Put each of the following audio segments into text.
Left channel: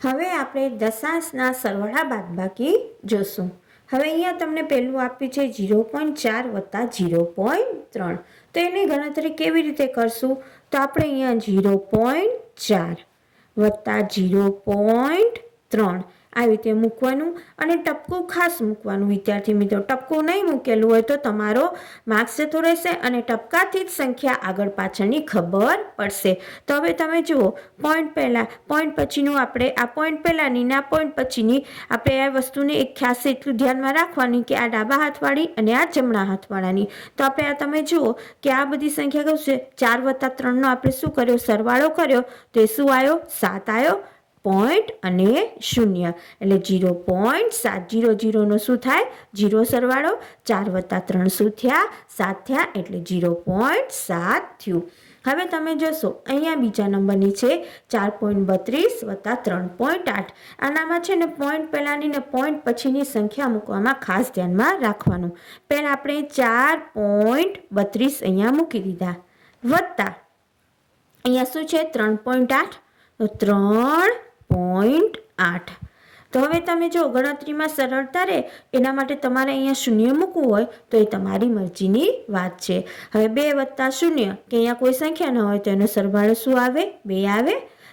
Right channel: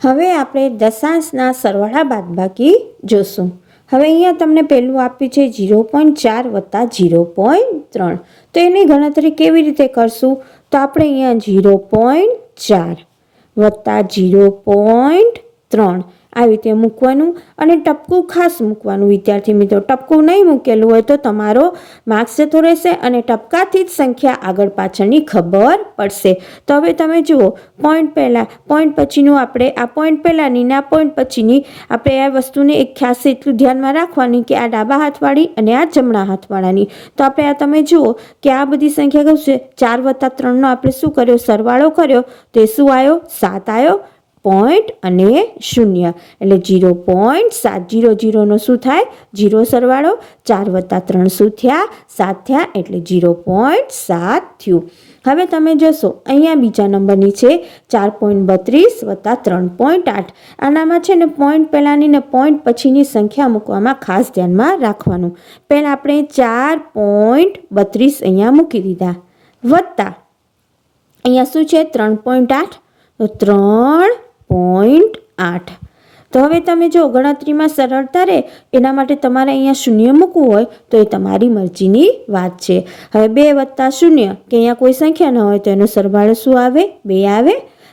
હવે આપણે દશાંશના સરવાળા બાદબાકી જોશું. હવે અહીંયા તમને પહેલું આપ્યું છે ઝીરો પોઈન્ટ ચાર વત્તા ઝીરો પોઈન્ટ ત્રણ. તો એની ગણતરી કેવી રીતે કરશું? તો આપણે અહીંયા ઝીરો પોઈન્ટ ચાર વત્તા ઝીરો પોઈન્ટ ત્રણ. આવી રીતે મૂકવાનું અને ટપકું ખાસ મૂકવાનું. વિદ્યાર્થી મિત્રો, ટપકું નહીં મૂકેલું હોય તો તમારો માર્ક્સ જતો રહેશે અને ટપકાથી જ સંખ્યા આગળ પાછળની ખબર પડશે. તો હવે તમે જુઓ પોઈન્ટ પહેલાં પોઈન્ટ પછીનું આપણે, આ પોઈન્ટ પહેલાંની ના પોઈન્ટ પછીની આપણે આ વસ્તુને એક ખાસ એટલું ધ્યાનમાં રાખવાની કે આ ડાબા હાથવાળી અને આ જમણા હાથવાળાની. તો આપણે આ તમે જુઓ કે આ બધી સંખ્યા કહું છે? ચાર વત્તા ત્રણનો આપણે શું કર્યો? સરવાળો કર્યો. તે શું આવ્યો? સાત આવ્યો. પોઈન્ટ અને શૂન્ય. એટલે જીરો પોઈન્ટ સાત જીરો જીરોનો શું થાય? જીરો સરવાળો. ચાર વત્તા ત્રણ શું થયા? સાત થયા. એટલે જીરો પોઈન્ટ સાત થયું. હવે તમે જોશો, અહીંયા બીજા નંબરની છે ચાર પોઈન્ટ બત્રીસ વત્તા ત્રણ પોઈન્ટ આઠ. આનામાં છે ને પોઈન્ટ પહેલાંની ને પોઈન્ટ પછીની સંખ્યા મૂકવામાં ખાસ ધ્યાનમાં રાખવાનું. પહેલાં આપણે ચાર પોઈન્ટ બત્રીસ અહીંયા મૂકી દીધા. વત્તા. અહીંયા શું છે? ત્રણ પોઈન્ટ આઠ. તો ત્રણ પોઈન્ટ આઠ. તો હવે તમે જો ગણતરીમાં સરળતા રહે, એના માટે તમારે અહીંયા શૂન્ય મૂકવું હોય, તો એ તમારી મરજીની વાત છે. હવે બે વત્તા શૂન્ય, કે અહીંયા કોઈ સંખ્યા ન હોય તો એનો સરવાળો શું આવે? બે આવે.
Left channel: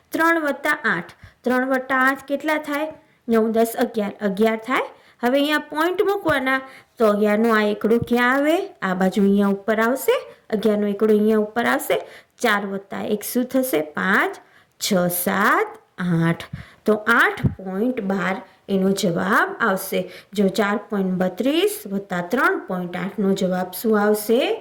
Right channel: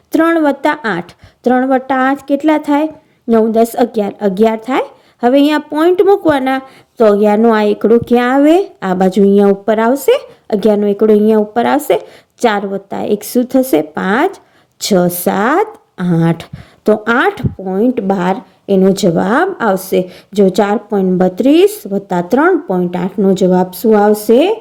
ત્રણ વત્તા આઠ. ત્રણ વત્તા આઠ કેટલા થાય? નવ, દસ, અગિયાર. અગિયાર થાય. હવે અહીંયા પોઈન્ટ મૂકવાના, તો અગિયારનો આ એકડો ક્યાં આવે? આ બાજુ અહીંયા ઉપર આવશે. અગિયારનો એકડો અહીંયા ઉપર આવશે. ચાર વત્તા એક શું થશે? પાંચ. છ, સાત. આઠ. તો આઠ પોઈન્ટ બાર એનો જવાબ આવશે. જો ચાર પોઈન્ટ બત્રીસ વત્તા ત્રણ પોઈન્ટ આઠનો જવાબ શું આવશે?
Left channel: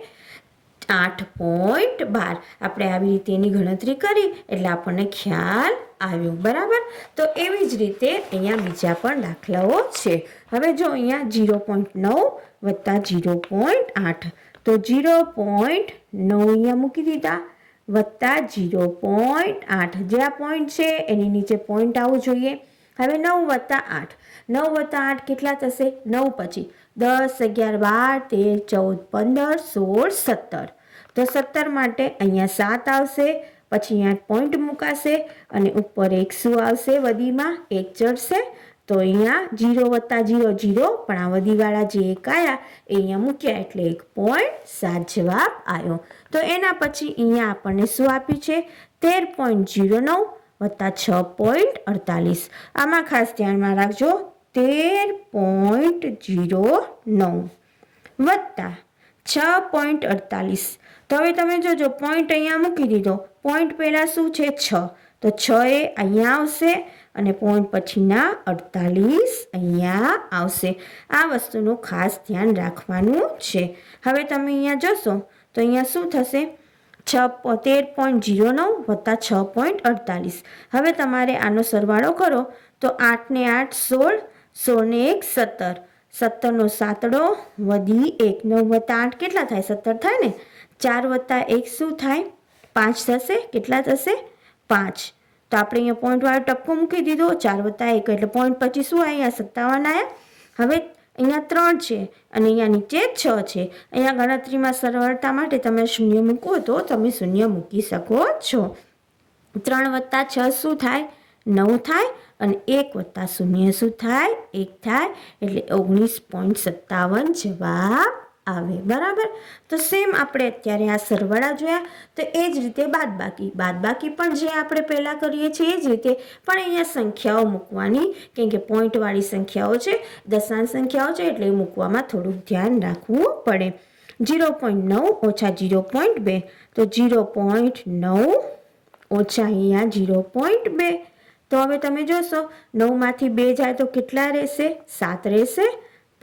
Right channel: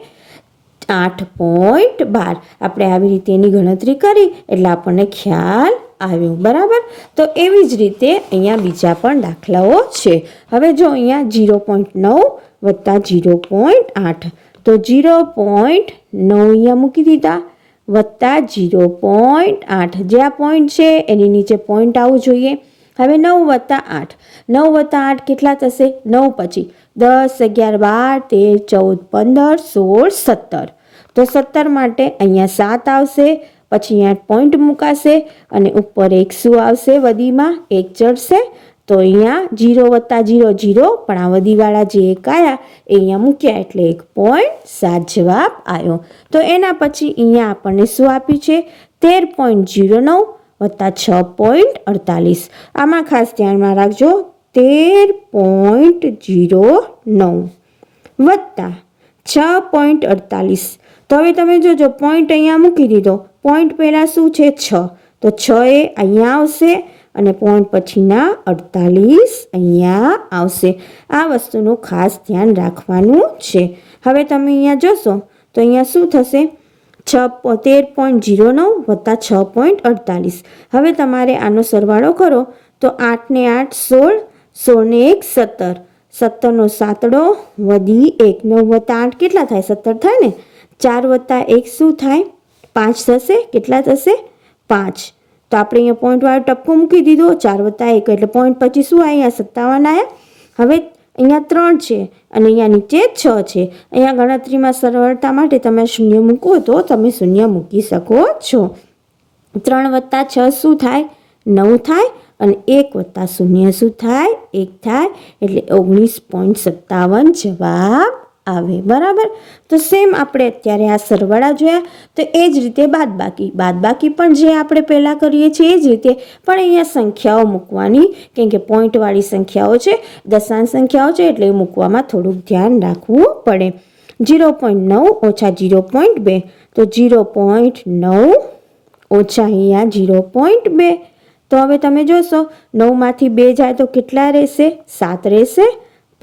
આઠ પોઈન્ટ બાર. આપણે આવી રીતે એની ગણતરી કરી, એટલે આપણને ખ્યાલ આવ્યો. બરાબર? તો એવી જ રીતે અહીંયા બીજા પણ દાખલાઓ છે. હવે જો અહીંયા જીરો પોઈન્ટ નવ વત્તા જીરો પોઈન્ટ આઠ. તો જીરો પોઈન્ટ નવ અહીંયા મૂકી દીધા. વત્તા જીરો પોઈન્ટ આઠ. જે આ પોઈન્ટ છે, એની નીચે પોઈન્ટ આવવું જોઈએ. હવે નવ વત્તા આઠ. નવ વત્તા આઠ કેટલા થશે? નવ પછી દસ, અગિયાર, બાર, તેર, ચૌદ, પંદર, સોળ, સત્તર. તો સત્તર માટે અહીંયા સાત આવશે, પછી અહીંયા પોઈન્ટ મુકાશે અને ઉપર એક શું આવશે? વધીમાં એક ચડશે તો અહીંયા જીરો વત્તા જીરો જીરો, પણ આ વધીવાળા જે એક આવ્યા એ અહીંયા મૂક્યા એટલે એક પોઈન્ટ સાત જવાબ આવ્યો તો એના પછી અહીંયા આપણને શું આપ્યું છે? તેર પોઈન્ટ જીરો નવ વત્તા છ પોઈન્ટ અડતાલીસ. આમાં ખાસ ધ્યાનમાં રાખજો, તેર પોઈન્ટ જીરો નવ વત્તા છ પોઈન્ટ અડતાલીસ. તો હવે તમે જોજો પોઈન્ટ અહીંયા મૂકી દીધો. પોઈન્ટ પહેલાં શું છે? છ. તો છ એ અહીંયા આવશે. અને પોઈન્ટ પછીના અડતાલીસ અહીંયા આવશે. આ વસ્તુનું ખાસ ધ્યાન રાખવાનું છે. હવે તમે અહીંયા જોશો તો અહીંયા શું થશે? છ તેર પોઈન્ટ જીરો નવ વત્તા છ પોઈન્ટ અડતાલીસ. હવે તમારે આનો સરવાળો કરો તો આઠને આઠ સોળ, સોળને એક સત્તર. સત્તરનો સાતડો વધી એક, નવ વત્તા આઠ કેટલા થાય? સત્તર થાય ને? ચાર વત્તા એક શું થાય? પાંચ થશે? કેટલા થશે? પાંચ. તો આપણે અહીંયા પોઈન્ટવાળો ટપકો મૂકી દીધો, ચાર વત્તા એક. એટલે પોઈન્ટ પછી શું અહીંયા સત્તાવન આવ્યા હવે અહીંયા ત્રણ છે અને અહીંયા નીચે છ છે. અહીંયા ગણતરીમાં સરળતા માટે તમે શૂન્ય મૂકો તો તમે શૂન્ય મૂકી શકો છો. ત્રણ વત્તા છ શું થાય? નવ થાય અને એક વત્તા શૂન્ય શું થાય? એક થાય. એટલે ઓગણીસ પોઈન્ટ સત્તાવન જવાબ આવે, બરાબર? તો સેમ આપણે અત્યારે આ સરવાળા જોયા, તો એ જ રીતે બાદબાકી. બાદબાકી પણ જે આપણે પહેલાં કરીએ છીએ એ જ રીતે, પણ અહીંયા સંખ્યાઓ મૂકવાની, કેમ કે પોઈન્ટવાળી સંખ્યાઓ છે, દશાંશ સંખ્યાઓ છે, એટલે મૂકવામાં થોડુંક ધ્યાન રાખવું પડે. જીરો પોઈન્ટ નવ ઓછા જીરો પોઈન્ટ બે, તો જીરો પોઈન્ટ નવ ઓછા અહીંયા જીરો પોઈન્ટ બે. તો હવે તમે જોશો, નવમાંથી બે જાય તો કેટલા રહેશે? સાત રહેશે.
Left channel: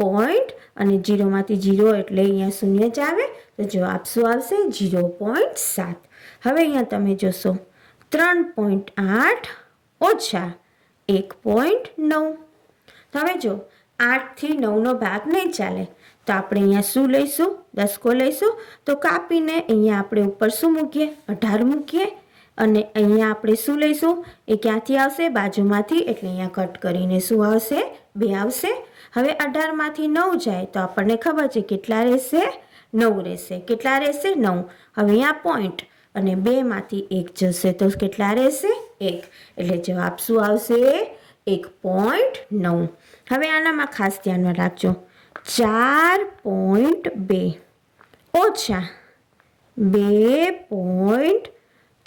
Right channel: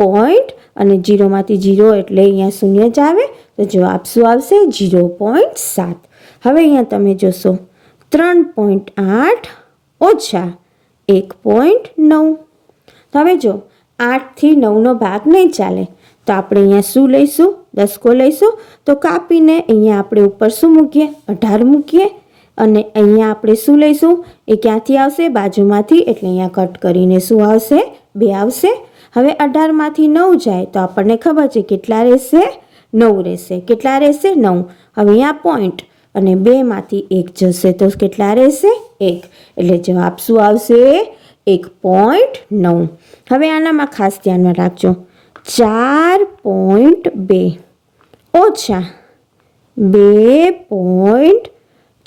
પોઈન્ટ અને જીરોમાંથી જીરો એટલે અહીંયા શૂન્ય જ આવે, તો જવાબ શું આવશે? જીરો પોઈન્ટ સાત. હવે અહીંયા તમે જોશો, ત્રણ પોઈન્ટ આઠ ઓછા એક પોઈન્ટ નવ. હવે જો આઠથી નવનો ભાગ નહીં ચાલે, તો આપણે અહીંયા શું લઈશું? દસકો લઈશું. તો કાપીને અહીંયા આપણે ઉપર શું મૂકીએ? અઢાર મૂકીએ. અને અહીંયા આપણે શું લઈશું? એ ક્યાંથી આવશે? બાજુમાંથી, એટલે અહીંયા કટ કરીને શું આવશે? બે આવશે. હવે અઢારમાંથી નવ જાય તો આપણને ખબર છે કેટલા રહેશે? નવ રહેશે. કેટલા રહેશે? નવ. હવે અહીંયા પોઈન્ટ અને બેમાંથી એક જશે તો કેટલા રહેશે? એક. એટલે જવાબ શું આવશે? એક પોઈન્ટ નવ. હવે આનામાં ખાસ ધ્યાનમાં રાખજો. ચાર પોઈન્ટ બે. ઓછા. બે પોઈન્ટ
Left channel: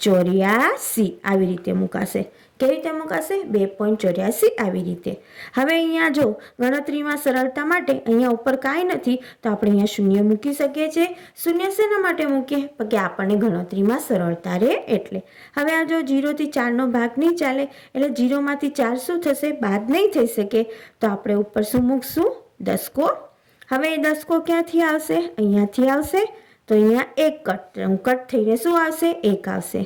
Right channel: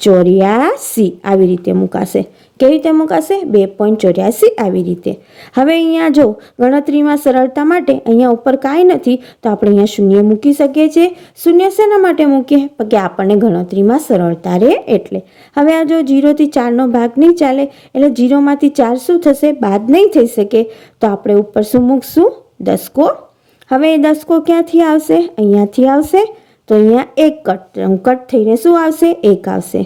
ચોર્યાસી આવી રીતે મુકાશે. કેવી રીતે મુકાશે? બે પોઈન્ટ ચોર્યાસી આવી રીતે. હવે અહીંયા જો ગણતરીમાં સરળતા માટે અહીંયા ઉપર કાંઈ નથી, તો આપણે અહીંયા શૂન્ય મૂકી શકીએ છીએ. શૂન્ય શેના માટે મૂકીએ? કે આપણને ગણતરીમાં સરળતા રહે એટલે. હવે આ જો જીરોથી ચારનો ભાગ નહીં ચાલે, એટલે જીરોમાંથી ચાર શું થશે? બાદ નહીં થઈ શકે. તો આપણે ઉપર શું મૂકશું? દસકો. હવે એ દસકો ક્યાંથી આવશે? અહીંયાથી આવશે. તો અહીંયા એક કટ કટ થઈને શું આવશે? એક આવશે.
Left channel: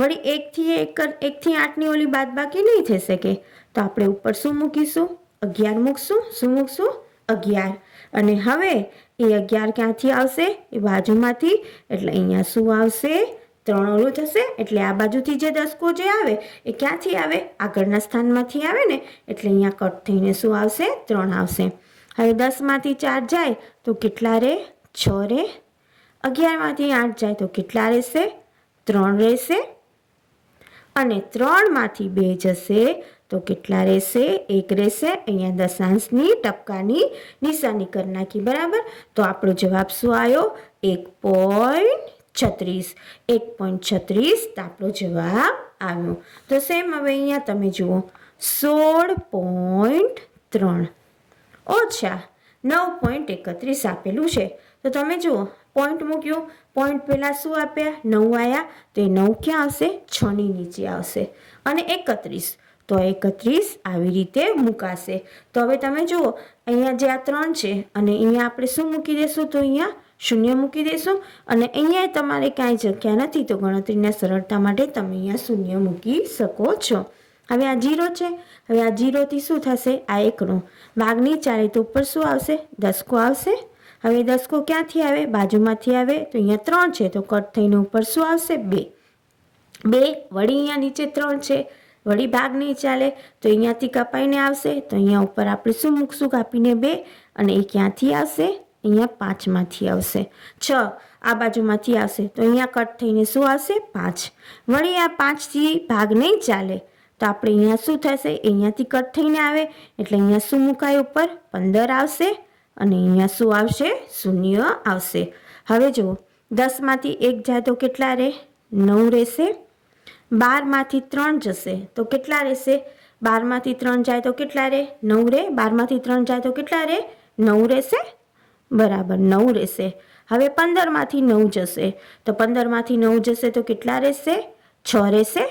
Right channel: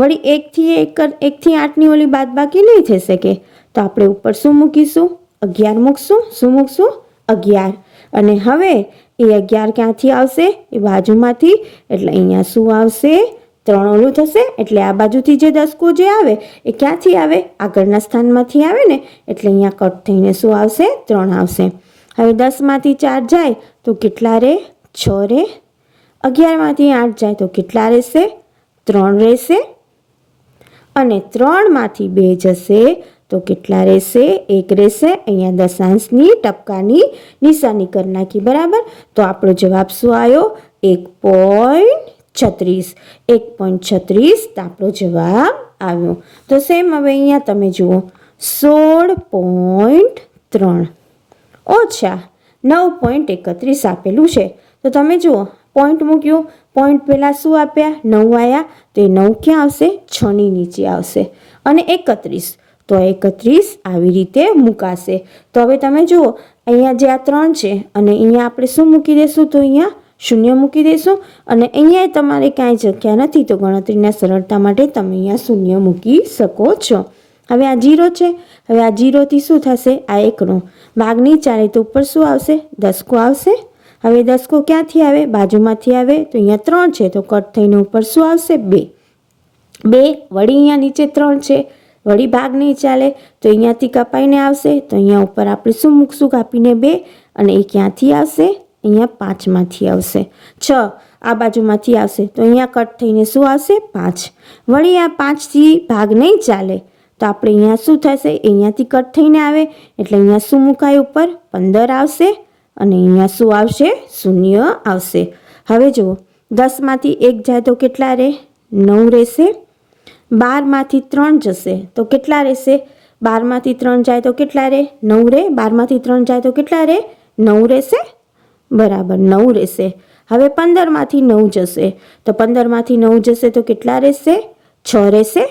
વળી એકથી એક એકથી આઠની ઓલી બાદ બાકી નહીં થઈ શકે. તો આપણે ઉપર શું મૂકીશું? અગિયાર મૂકશું. શું મૂકશું? અગિયાર. અને હવે એ અગિયાર ક્યાંથી આવશે? એ બાજુમાંથી. એટલે અહીંયા શું આવશે? ત્રણ ઓલું થશે. એટલે આ બાજુથી જે દસકો જે આવે, એ ક્યાંથી આવે? આગળના સ્થાનમાંથી આવે ને? એટલે અહીંયા કટ થઈને શું આવશે? ત્રણ આવશે. હવે દસમાંથી ચાર જાય તો કેટલા રે? છ રે? અગિયારમાંથી આઠ જાય તો કેટલા રહેશે? ત્રણ રહેશે. અને ત્રણમાંથી બે જશે તો કેટલા રહેશે? એક રહેશે. અહીંયા દશાંશની ટપકાની નિશાની કરી નાખી, બરાબર? તો આપણો જવાબ શું આવ્યો? એક પોઈન્ટ છત્રીસ. એક પોઈન્ટ છત્રીસ તો આપણો જવાબ આવ્યો. તો સેમ હવે અહીંયા તમે જુઓ. સોળ પોઈન્ટ ત્રણ. ઓછા નવ પોઈન્ટ એકત્રીસ આપેલું છે. તો તમે જુઓ પોઈન્ટ મૂક્યું. પોઈન્ટ પહેલાં શું આપ્યા? નવ આવ્યા તો એ નવ ક્યાં આવશે? છની નીચે આવશે. અને એકત્રીસ. તો એકત્રીસ આવી રીતે મુકાશે. તો હવે તમે જુઓ, અહીંયા જે આ ત્રણ છે અને અહીંયા આપણે શું મૂકી દઈશું? તો અહીંયા શૂન્ય મૂકી દઈશું. અને અહીંયા તમારે કાંઈ જગ્યા નથી, તો ગણતરીના સરળતા માટે તમે અહીંયા શૂન્ય મૂકી શકો છો. હવે આ જીરો છે. હવે આ જીરોથી શું થશે? આ એકનો. ભાગ નહીં ચાલે તો ઉપર શું આવશે? દસકો આવશે. હવે દસકો ક્યાંથી આવે? બાજુમાંથી આવે? તો અહીંયા ત્રણ છે. તો કટ થઈને ઉપર શું આવશે? બે. બે, વળી અહીંયા નીચે ત્રણ છે. વળી ભાગ નહીં ચાલે. તો અહીંયાથી કપાઈને આવશે. તો અહીંયા ઉપર આપણે શું મૂકશું? કાપીને બે. અને એ ક્યાંથી આવશે? અહીંયા પાંચમાંથી આવશે. છ. આ બાજુમાંથી આવશે. તો અહીંયા કટ થઈને શું આવશે? પાંચ. વળી આ પાંચથી ભાગ નહીં ચાલે. તો આપણે અહીંયા શું થશે? અહીંયાથી કટ થઈને આવે. એટલે અહીંયા શું મુકાય? ઉપર પંદર આવશે. અને અહીંયા શું આવશે? શૂન્ય આવશે. હવે જુઓ, દસમાંથી એક જાય તો કેટલા રહે? નવ રહેશે. બારમાંથી ત્રણ જશે તો કેટલા રહેશે? બારમાંથી ત્રણ જાય તો કેટલા રહે? નવ રહે. બારમાંથી ત્રણ જાય તો કેટલા રહે? નવ રહેશે. બરાબર, નવ રહેશે. હવે પંદરમાંથી નવ જશે. તો પંદરમાંથી નવ જશે તો કેટલા રહેશે? છ રહેશે.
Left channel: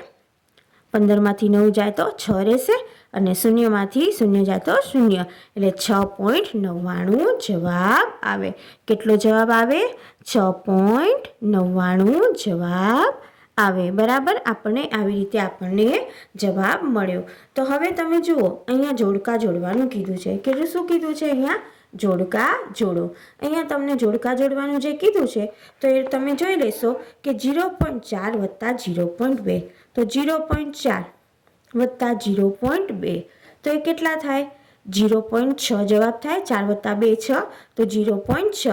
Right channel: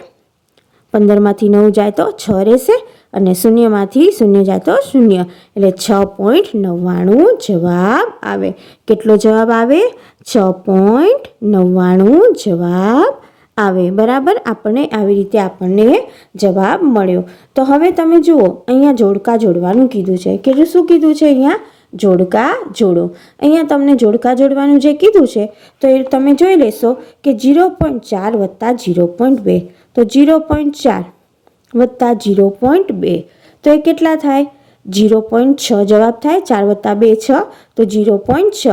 પંદરમાંથી નવ જાય તો છ રહેશે. અને શૂન્યમાંથી શૂન્ય જાય તો શૂન્ય. એટલે છ પોઈન્ટ નવ્વાણું જવાબ આવે. કેટલો જવાબ આવે? છ પોઈન્ટ નવ્વાણું જવાબ આવે. બરાબર? આપણને આવી રીતે આપણને જવાબ મળ્યો. તો હવે તમે જુઓ, અહીંયા જોડકા જોડવાનું કીધું છે. કે શું કીધું છે અહીંયા? જોડકા જોડો. અહીંયા તમને જોડકા જોડવાનું જે કીધું છે, તો એ તમે જોઈ લેશો કે જીરો પોઈન્ટ ચાર વત્તા જીરો પોઈન્ટ બે. તો જીરો પોઈન્ટ ચાર. વત્તા જીરો પોઈન્ટ બે. તો એ કેટલા થાય? જીરો પોઈન્ટ છ જવાબ થાય. ચાર વત્તા બે છ, તો જીરો પોઈન્ટ છ.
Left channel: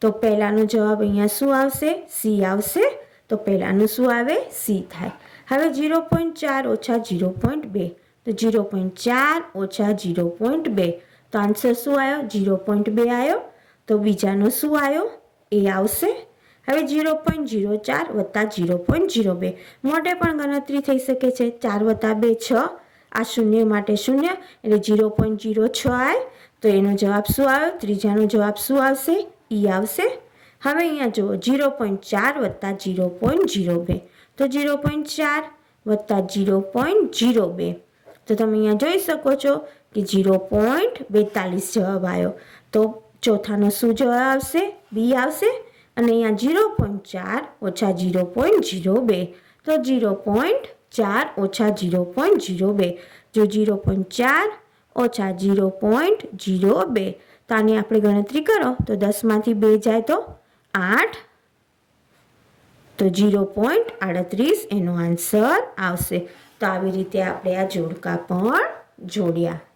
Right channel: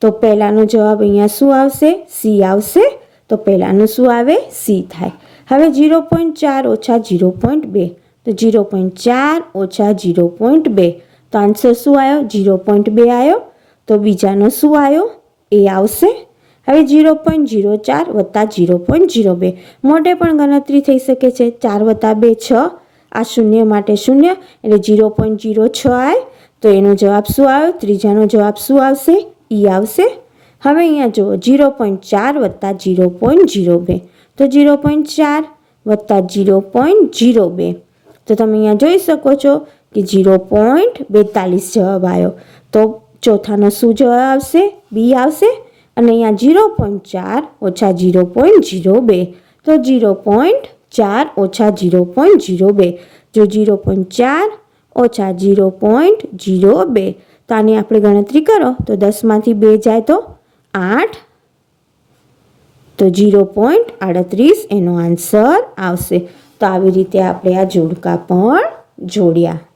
તો પહેલાંનો જવાબ અહીંયા શું આવશે? સી આવશે. તો પહેલાંનું શું આવે? સી થાય. હવે જીરો પોઈન્ટ ચાર ઓછા જીરો પોઈન્ટ બે. તો જીરો પોઈન્ટ ચાર ઓછા જીરો પોઈન્ટ બે. તો આન્સર શું આવ્યો? જીરો પોઈન્ટ બે આવ્યો. તો બીજાનો શું આવ્યો? એ આવશે. હવે જીરો પોઈન્ટ જીરો ચાર વત્તા જીરો પોઈન્ટ જીરો બે. મોઢે પણ ગણતરી થઈ શકે છે. ચાર વત્તા બે છ. આ શૂન્ય માટે શૂન્ય એટલે જીરો પોઈન્ટ જીરો છ આવે તો એનો જવાબ શું આવ્યો? ત્રીજાનો જવાબ શું આવશે? ઈ આવશે. હવે અહીંયા જુઓ જીરો પોઈન્ટ ચાર વત્તા જીરો પોઈન્ટ જીરો બે. તો જીરો પોઈન્ટ ચાર વત્તા જીરો પોઈન્ટ જીરો બે. તો તમે અહીંયા જોઈ શકો છો કે જીરો પોઈન્ટ બેતાલીસ જવાબ આવ્યો. તો ચોથાનો શું જવાબ આવશે? બી આવશે. અને અહીંયા જીરો પોઈન્ટ ચાર ઓછા જીરો પોઈન્ટ જીરો બે. તો જીરો પોઈન્ટ ચાર ઓછા જીરો પોઈન્ટ જીરો બે. જો જીરો પોઈન્ટ ચાર ઓછા જીરો પોઈન્ટ જીરો બે. તો આની આપણે ગણતરી કરો. તો દસમાંથી બે જાય તો આઠ. તો જીરો પોઈન્ટ આડત્રીસ એનો આન્સર આવશે. તો આવી રીતે આપણે આ જોડકા પણ જોડ્યા.